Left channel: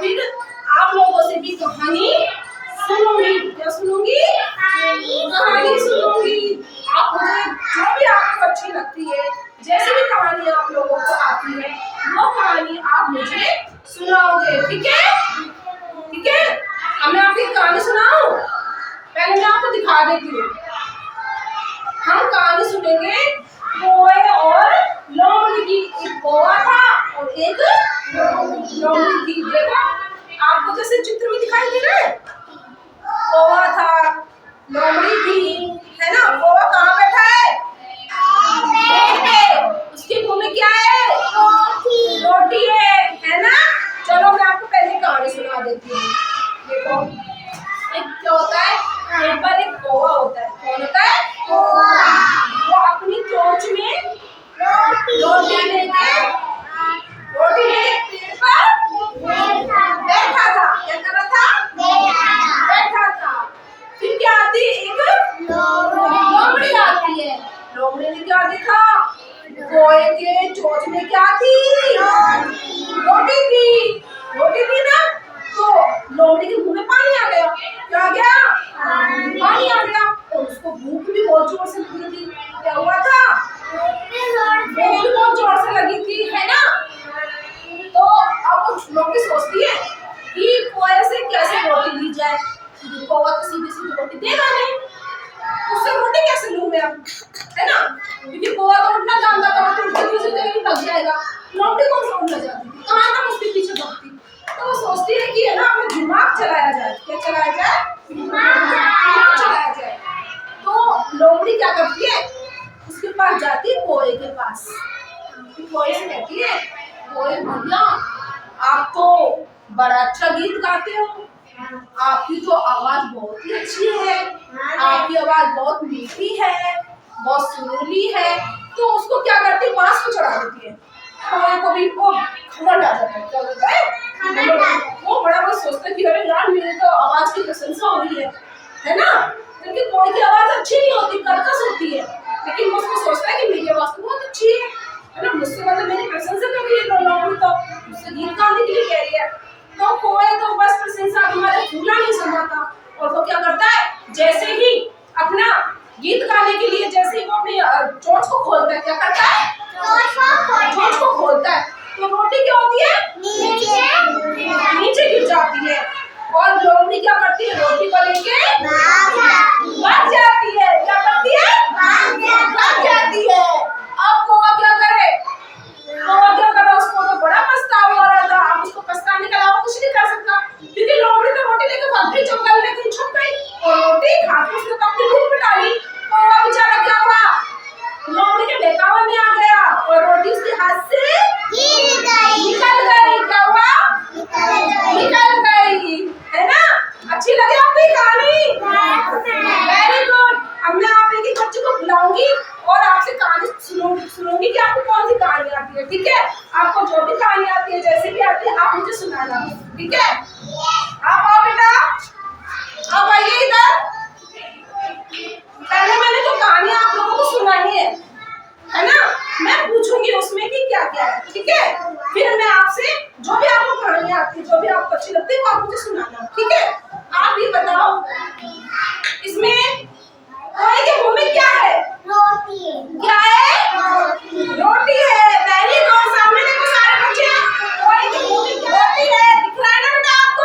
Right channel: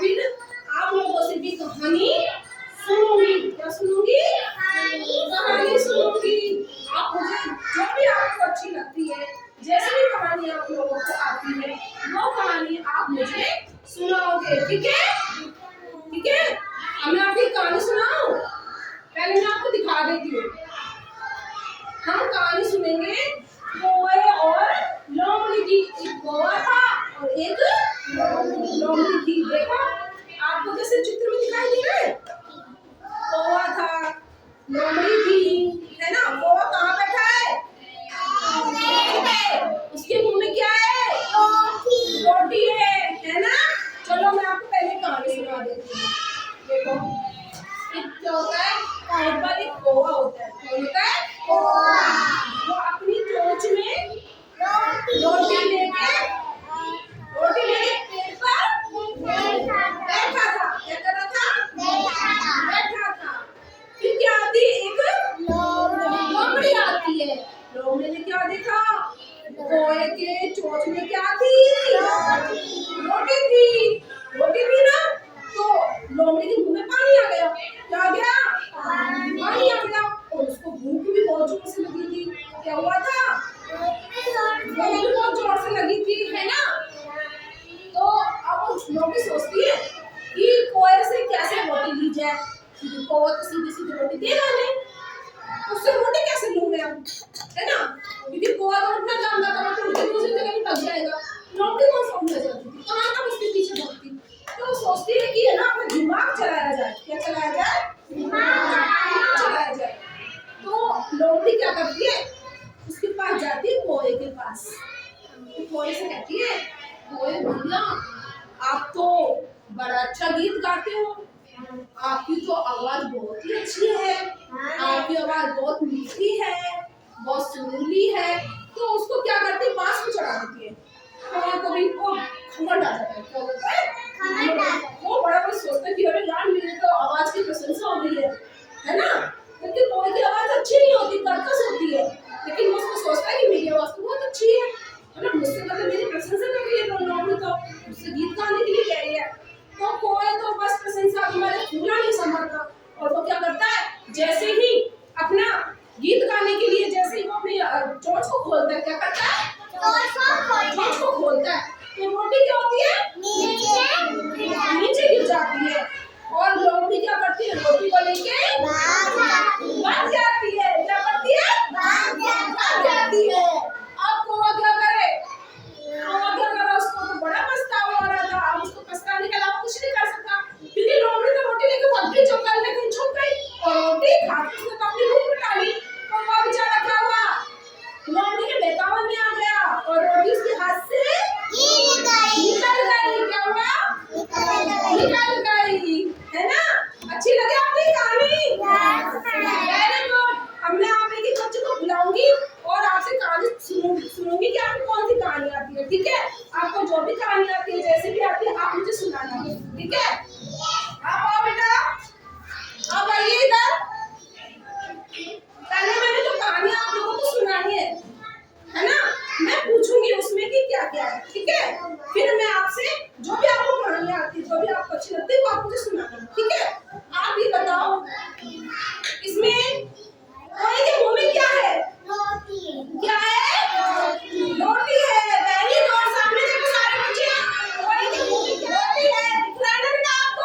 फिर आप लोगों से भी कहानी सुनूंगी। क्या सुनूंगी? कहानी सुनूंगी। आप मुझे जो भी आपको अच्छी लगती है, जैसी भी कहानी आप लोगों को आती है, वो कहानी आप मुझे सुनाओगे। ठीक है? ठीक है? अब मैं आपको एक कहानी सुनाऊं? पहले मैं आपको दिखा देती हूँ। हम कहानी सुनेंगे कौवे और लोमड़ी की। एक कौवा था और एक लोमड़ी थी। देखो आपको जैसे चित्र में दिखाई दे रहा है, कौवा था, लोमड़ी थी, है ना। कौवा कहाँ बैठा है? पेड़ पे। उसके मुंह में क्या है? रोटी है ना। चलो मैं आपको पहले कहानी सुना देती हूँ। देखो एक क्या होता है, एक बार एक कौवा होता है। कौन होता है? वो अपनी चोंच में रोटी लेके पेड़ पर बैठा था। क्या कर रहा था? बैठा था। फिर क्या आती है? एक लोमड़ी आती है। लोमड़ी ने क्या देखा? कौवे के चोंच में क्या थी? रोटी थी। रोटी थी ना, तो लोमड़ी के मुंह में पानी आ गया। क्या आ गया? पानी आ गया। और उसको भूख भी बहुत जोर से लगी थी। क्या हुआ था? भूख भी बहुत जोर से लगी थी, है ना। तो अब लोमड़ी सोचती है कि कौवे से कैसे रोटी ली जाए। कौवा तो सीधी सीधी रोटी देगा नहीं, उससे रोटी कैसे लूं मैं अब, है ना। क्योंकि कौवा तो उठना जानता था, तो उठते दूसरी जगह लग जाएगा। लोमड़ी कौन सा उठ जाती थी, कहाँ तक उसके पीछे भागती। तो वो सोचती है कि है ना, अपना दिमाग चलाया जाए। क्या चलाया जाए? दिमाग चलाया जाए। तो लोमड़ी क्या करती है? उसके पास जाती है, कौवे के पास। कौवे से कहती है, कौवे भैया आप तो बड़ा अच्छा गीत गाते हो, आपकी तो आवाज बहुत ही अच्छी है, आपकी आवाज बहुत मीठी है, बहुत सुरीली है। तो उसको क्या करती है? बांस को चढ़ा देती है। कौवे को भी वो घमंड आ जाता है। क्या होता है? वो बड़ा बहुत सोचता है कि अरे यार मेरे तो आवाज की प्रशंसा हो रही है ना। क्योंकि कोई की आवाज अच्छी नहीं होती, कर्कश होती है, लेकिन वो उसको सोचता है कि मेरी आवाज तो बहुत अच्छी है ना। मुझसे मतलब मेरी प्रशंसा कर रही है, लोमड़ी तो मुझसे गीत गाने के लिए कह रही है। तो कौवे तो बस प्रशंसा तुम्हारे फूला नहीं समाता, और वो क्या करता है? जैसे ही अपना गीत गाने के लिए जैसे ही वो अपनी चोंच को खोलता है, क्या करता है? चोंच को खोलता है, तो रोटी क्या होती है? नीचे गिर जाती है। और लोमड़ी क्या करती है? रोटी को लेके भाग जाती है। क्या करती है? भाग जाती है। अब कौवा क्या करे? उसको तो बड़ा पछतावा हो रहा था। अब उसको पछताने के अलावा कुछ नहीं कर सकता, क्योंकि लोमड़ी तो रोटी लेके भाग गई, जंगल में कहीं छुप गई, और रोटी खा के उसने तो अपनी भूख मिटा ली। कौवा बेचारा क्या हुआ? लोमड़ी के बहकावे में आ गया और रोटी उसके हाथ से निकल गई। क्या हुआ? निकल गई, है ना। अच्छी लगी आपकी कहानी? Very good. अब मैं आप एक बच्चे को बुलाऊंगी और आपसे कहानी सुनूंगी कि आपको कौन सी कहानी आती है। ठीक है? आपको जो भी कहानी आती है, जैसे भी आती है, आप मुझे सुनाना। ठीक है? आप आओ बेटा, आप आइए इधर। पहले मैंने जो कहानी आप लोगों को सुनानी है ना, मैं पूछूंगी उसमें कि क्या क्या है। ठीक है? फिर मैं आपसे जो भी आपको कहानी आती है, जो भी आपको अच्छी लगती है, वो आप मुझे सुनाना। ठीक है? आप ये बताओ, इसमें कौवे के मुंह में क्या है? क्या है? रोटी है। Very good. सामने देखो सारे बच्चे, कौवे के मुंह में क्या रोटी है? दिख रहा है ना बेटा आपको?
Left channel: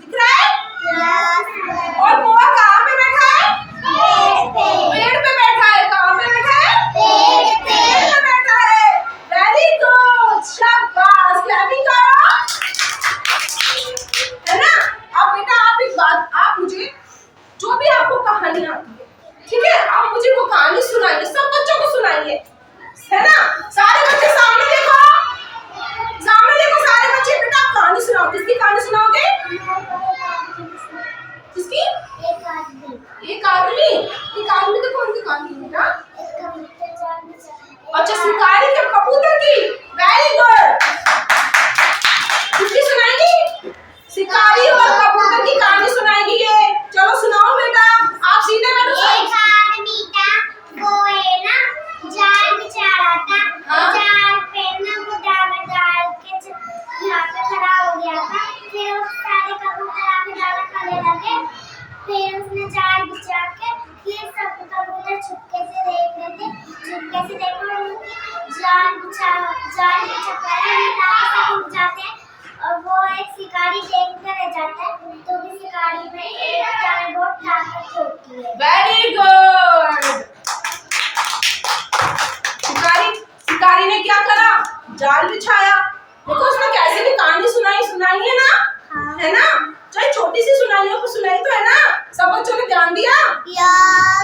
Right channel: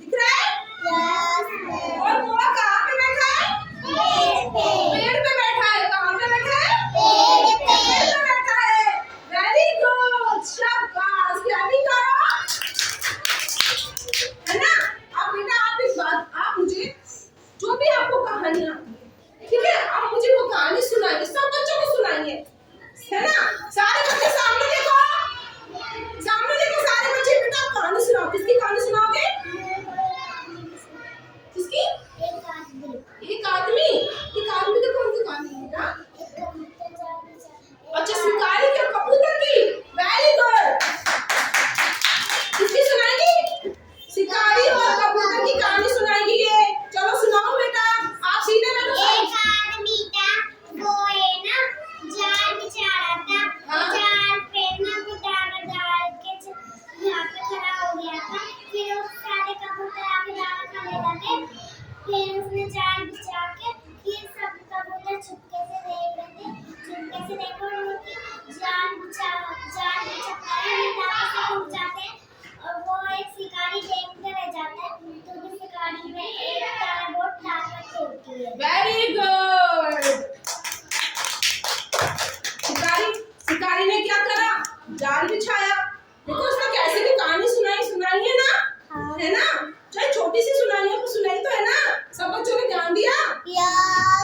दिख रहा है? और कौवा कहाँ पे बैठा है? पेड़ पे बैठा है। कहाँ पे बैठा है? पेड़ पे बैठा है। वेरी गुड, शाबाश, क्लैपिंग करो, है ना। अब बेटा आप एक बात, आप मुझे जो भी आपको कहानी आती है, ठीक है, आप मुझे वो कहानी सुनाइए, सब बच्चों को सुनाइए। शिकारी शिकारी ने क्या करा? जाल बिछाया। देखो उसने कैसे की कहानी सुनाई है ना, है ना? चाहे छोटी सी सुनाई हो, सुनाई तो है ना? सब बच्चों ने ध्यान दिया?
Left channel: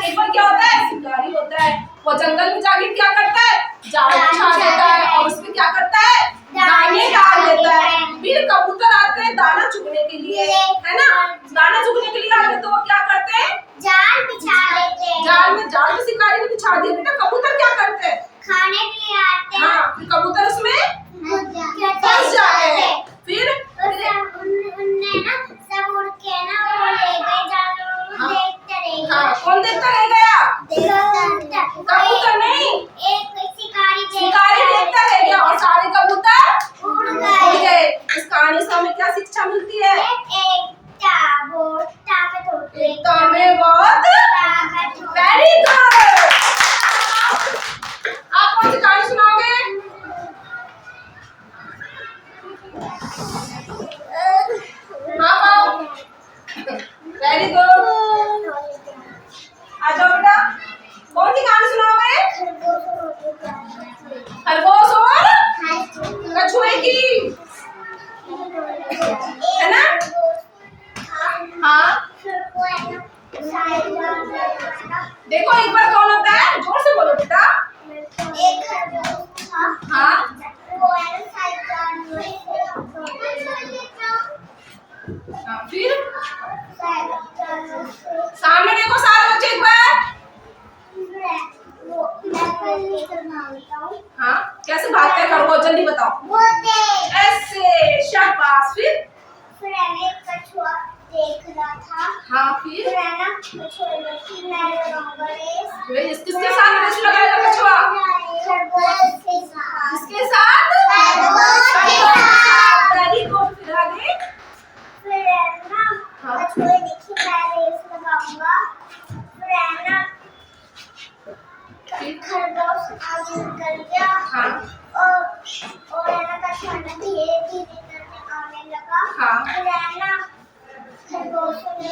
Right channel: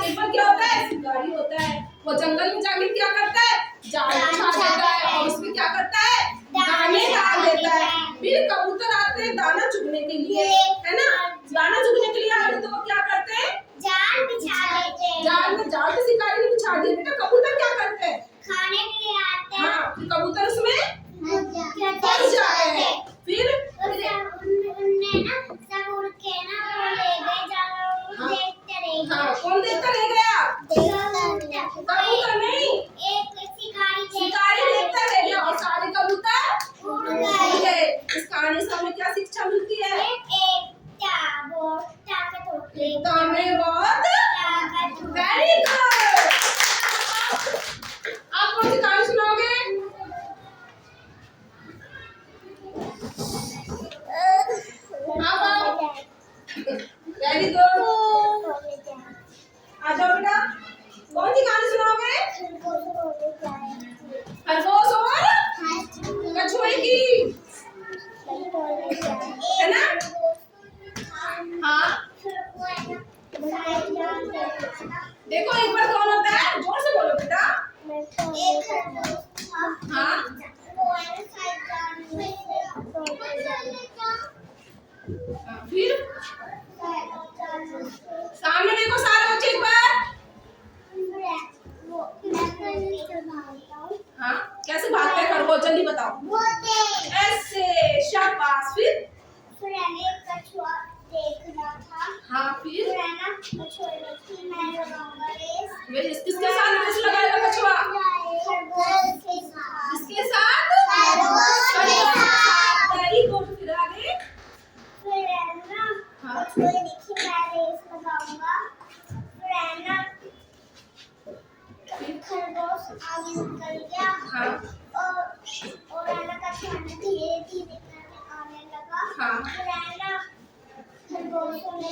एक बार क्या होता है, शिकारी होता है, वो जंगल में जाके क्या करता है? जाल बिछा देता है और उसमें क्या करता है? दाने डाल देता है। फिर कबूतर आते हैं दाना चुगने के लिए, है ना? दाना चुगने के लिए आते तो वो क्या करते हैं? जाल बिछा देते हैं। जाल में शिकारी ने बिछा दिया। बेटा कबूतर क्या करते हैं? खाने के लिए आते हैं। हाँ, फिर कबूतर उसमें फंस जाते हैं। फिर उनने ना सब उड़ के ना वो ले गए जाल, हाँ। देखते रह गए। हाँ, कौन देखता रह गया? कबूतर नहीं, एक शिकारी देखता रह गया और सारे कबूतर उड़ उड़ गए। गए। इस कहानी से हमें क्या शिक्षा मिलती है? एकता बहुत ताकत होती है। एकता में बहुत ताकत होती है। Very good. आप कौन सी कहानी सुनाओगे? हाँ बाबू, वेरी गुड। आ जाओ बेटा, कौन सी कहानी सुनाओगे? खरगोश और कछुए की, है ना? हाँ, देखो एक बार कौन होता है, जोर से बोलो बेटा। एक खरगोश था। हाँ, वो है फिर सामने देखो सारे बच्चे एक बार। हाँ, कैसे भागते हैं खरगोश, जल्दी बताओ। ऐसे, शाबाश। फिर एक कछुआ देख रहा था। हाँ, फिर है ना, कछुए की मैं लगाऊंगा रेस। किसके साथ रेस लगाएगा कछुआ? खरगोश के साथ। किसके साथ? खरगोश के साथ। Very good. फिर आगे? फिर है ना, हाँ। कछुए देखी मैं रेस लगाऊंगा। फिर है ना, खरगोश आगे निकल गया। हाँ, और है ना, कछुआ धीरे धीरे करके आने लगा। हाँ। फिर है ना, खरगोश ने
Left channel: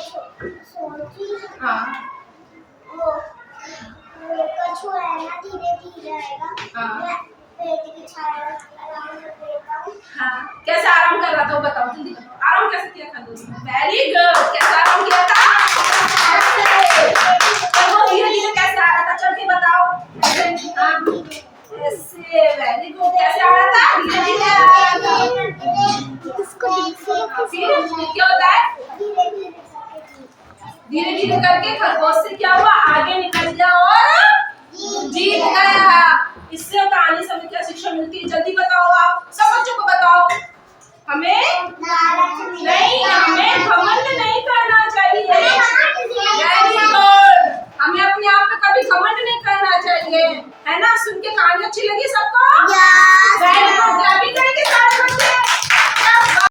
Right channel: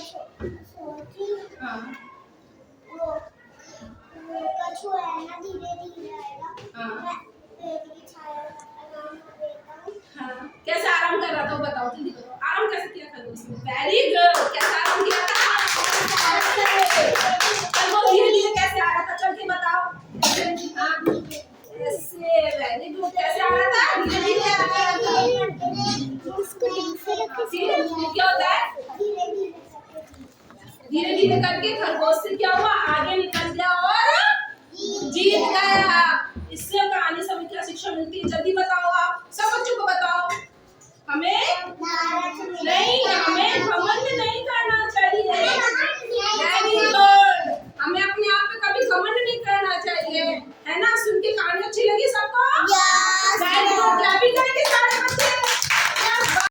सोची हाँ, वो कछुआ है ना धीरे धीरे आएगा। हाँ। मैं पेड़ की छाया आराम से बैठा हूँ। हाँ। कैसे आराम कर रहा था वो बताओ, जल्दी बताओ। आराम कैसे किया खरगोश ने? Very good. कैसे आराम किया था? ऐसे। खरगोश धीरे धीरे कैसे आ रहा था, चल के बताओ। हाँ, ऐसे। Very good. कैसे आ रहा था? धीरे धीरे आ रहा था। फिर क्या होता है? धीरे धीरे करके खरगोश से क्या हुआ? आगे निकल गया और जीत गया। इससे कहानी से हमें क्या शिक्षा मिलती है, जल्दी बताओ। आप सब बच्चों को बताओ। हमें नहीं, हमें